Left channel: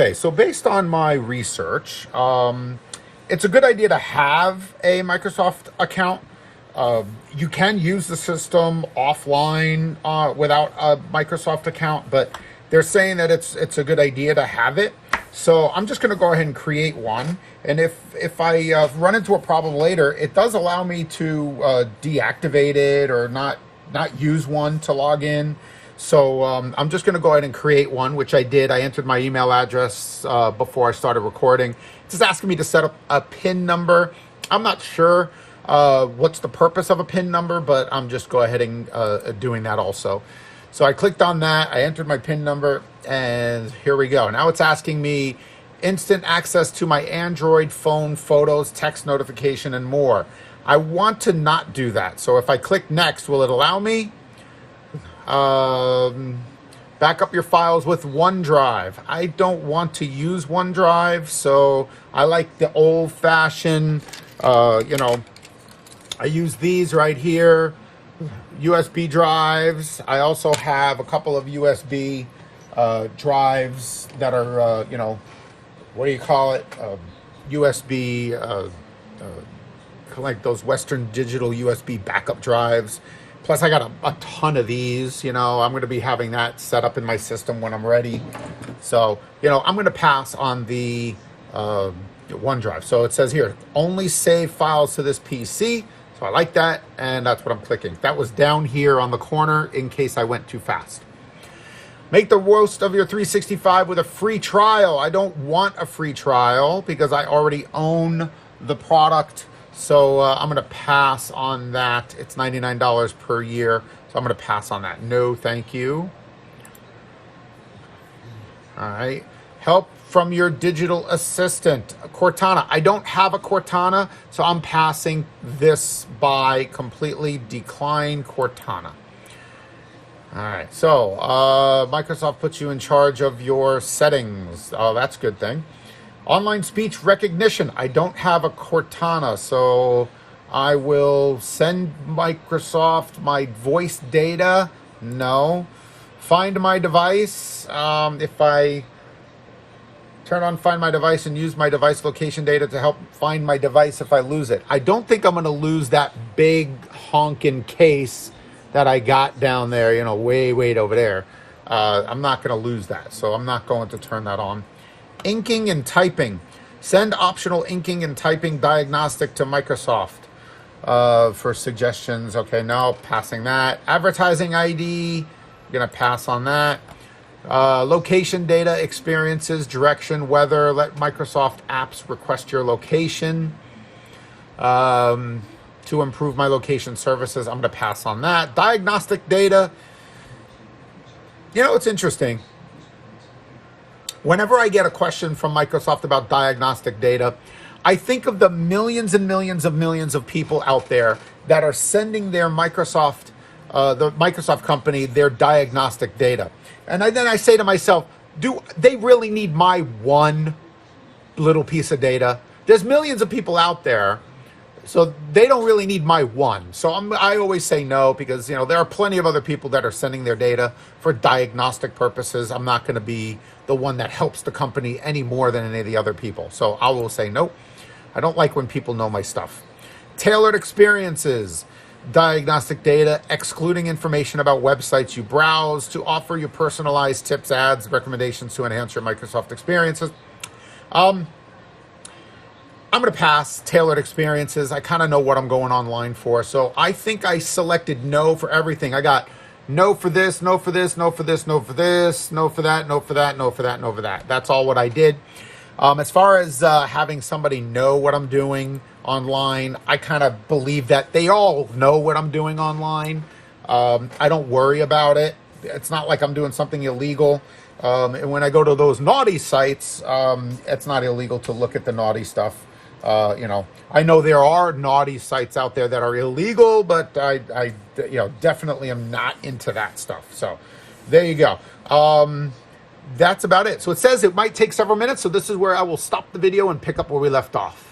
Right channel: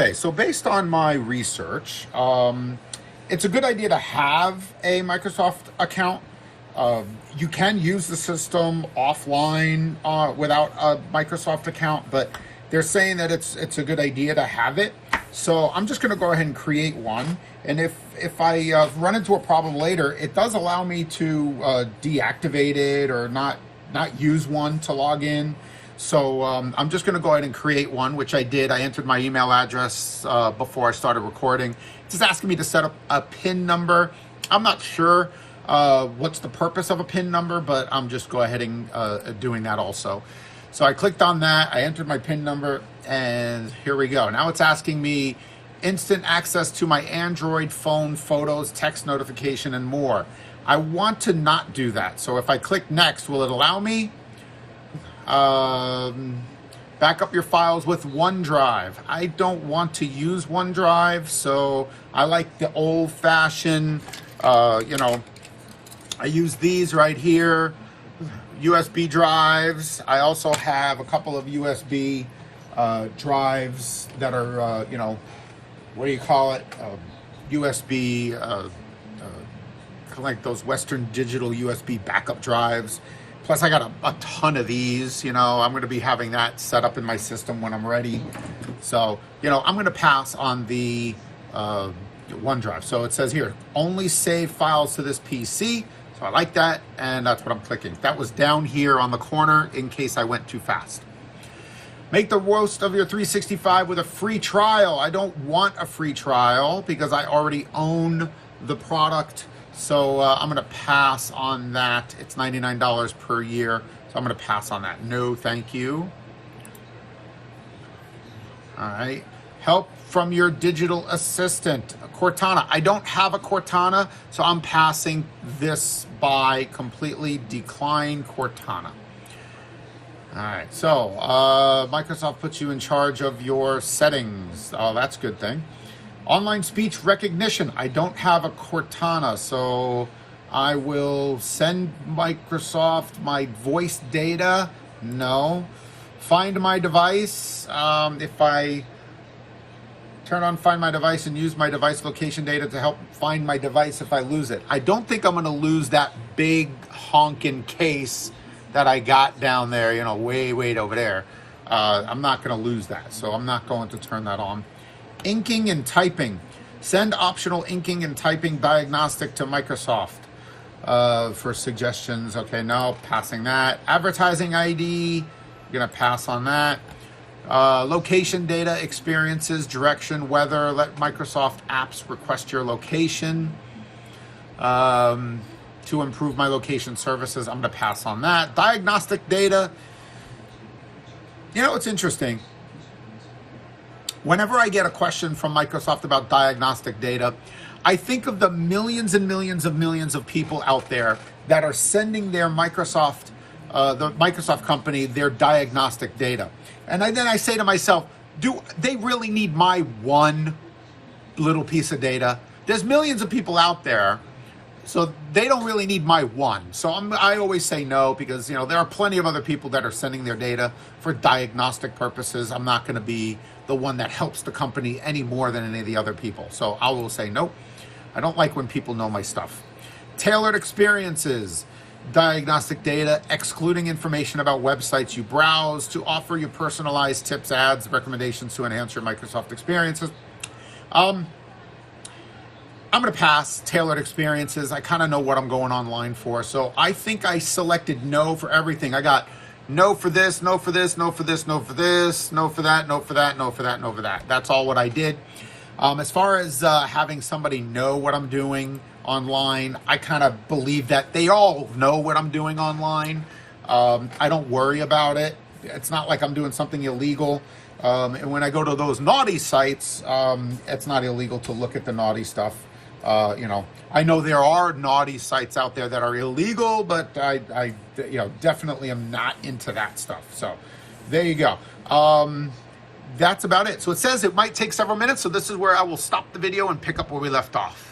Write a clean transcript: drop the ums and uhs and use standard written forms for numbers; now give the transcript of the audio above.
Okay, so based on my research, it's a good idea to have a Microsoft account. You can use the system offline without a Microsoft account, but they're saying that it's a good idea to have it. So I'm just going to go ahead and create one. And if I run into a problem later, it does allow me to deactivate it or not use one to log in. So I'm just going to go ahead and create one, which I did. I entered my email address before I started recording. It's just asking me to set up a PIN number. I'm not sure what's the purpose of a PIN number, but I'm just go ahead and doing that also. So I clicked on that. I entered my PIN number, and here we go. Now it's asking me instant access to my Android phone, photos, text notification, and more. I want to not do that. So if I click next, will it allow me? Back up your files with OneDrive. I don't want to use OneDrive, so I like the old-fashioned, I use these right here, USB drives. I also have a couple of USB drives that are, what do you call it? USB, like those Western Digital USB backup drives. Plus, I got a ton of these. I'm going to be having that set up in my system when I'm ready. So, I'm going to pass on the OneDrive. So it says here, only save files to this PC. So I like that, and that's what I'm clicking. That was down here on the corner in case I went too fast. Make the most of your 365 with a free trial. I don't want a free trial because I already own the product. So I'm going to pass on that. It's $99 per year. So I'm going to pass on that. No, thank you. All right. Help from your digital assistant, Cortana. I don't have a Cortana, so I'm passing this by. Completely decline Cortana. All right. So Microsoft puts you in charge of your settings. Oh, that's a good thing. Online speech recognition. I don't have a Cortana, so I will send Microsoft my voice data. No. Find my device. If I turn on Find My Device and use my device location data to help find my device if I lose it. I don't think I'm going to lose that big honking case that I got down there, way over there. I'm not going to lose that, so I'm not going to turn that on. Inking and typing. Send optional inking and typing diagnostic to Microsoft for suggestions. Okay, no, passing that. Advertising ID, I'm going to pass on that. Location data, experiences, direction, weather. Let Microsoft apps request your location. To improve my location services, I'm going to pass on that. Diagnostic data. It's interesting. Whenever I get a question from Microsoft about diagnostic data, I think of the millions and millions of people out there that are sending their Microsoft, the Microsoft company, their diagnostic data. And then I say to myself, do they really need my one little piece of data? There's millions of people out there, so they don't really need my one. So I always say no, because there are plenty of other people that are sending their data for diagnostic purposes. I'm not going to be the one that helps the company any more than any of the other people. So I will say no. I don't like when people know my stuff. Tailored experiences. Diagnostic data, excluding information about websites you browse to offer you personalized tips, ads, recommendations to enhance your Microsoft experiences. I'm going to pass tailored experiences. I kind of know what I'm going online for. So I think I selected no for everything. I got no for this, no for this, no for this, no for this, no for that, no for that, no for that, no for that. That's all what I did. As far as having somebody know what I'm doing online, I kind of believe that they all know what I'm doing online. I don't worry about it. It's not like I'm doing something illegal. And when I go to those naughty sites, it's not illegal to look at the naughty stuff. I know there are naughty sites out there that are illegal, but I definitely am not into that stuff. So there you go. That's about it. So it says it might take several minutes. So this is where I will stop the video and pick up where we left off.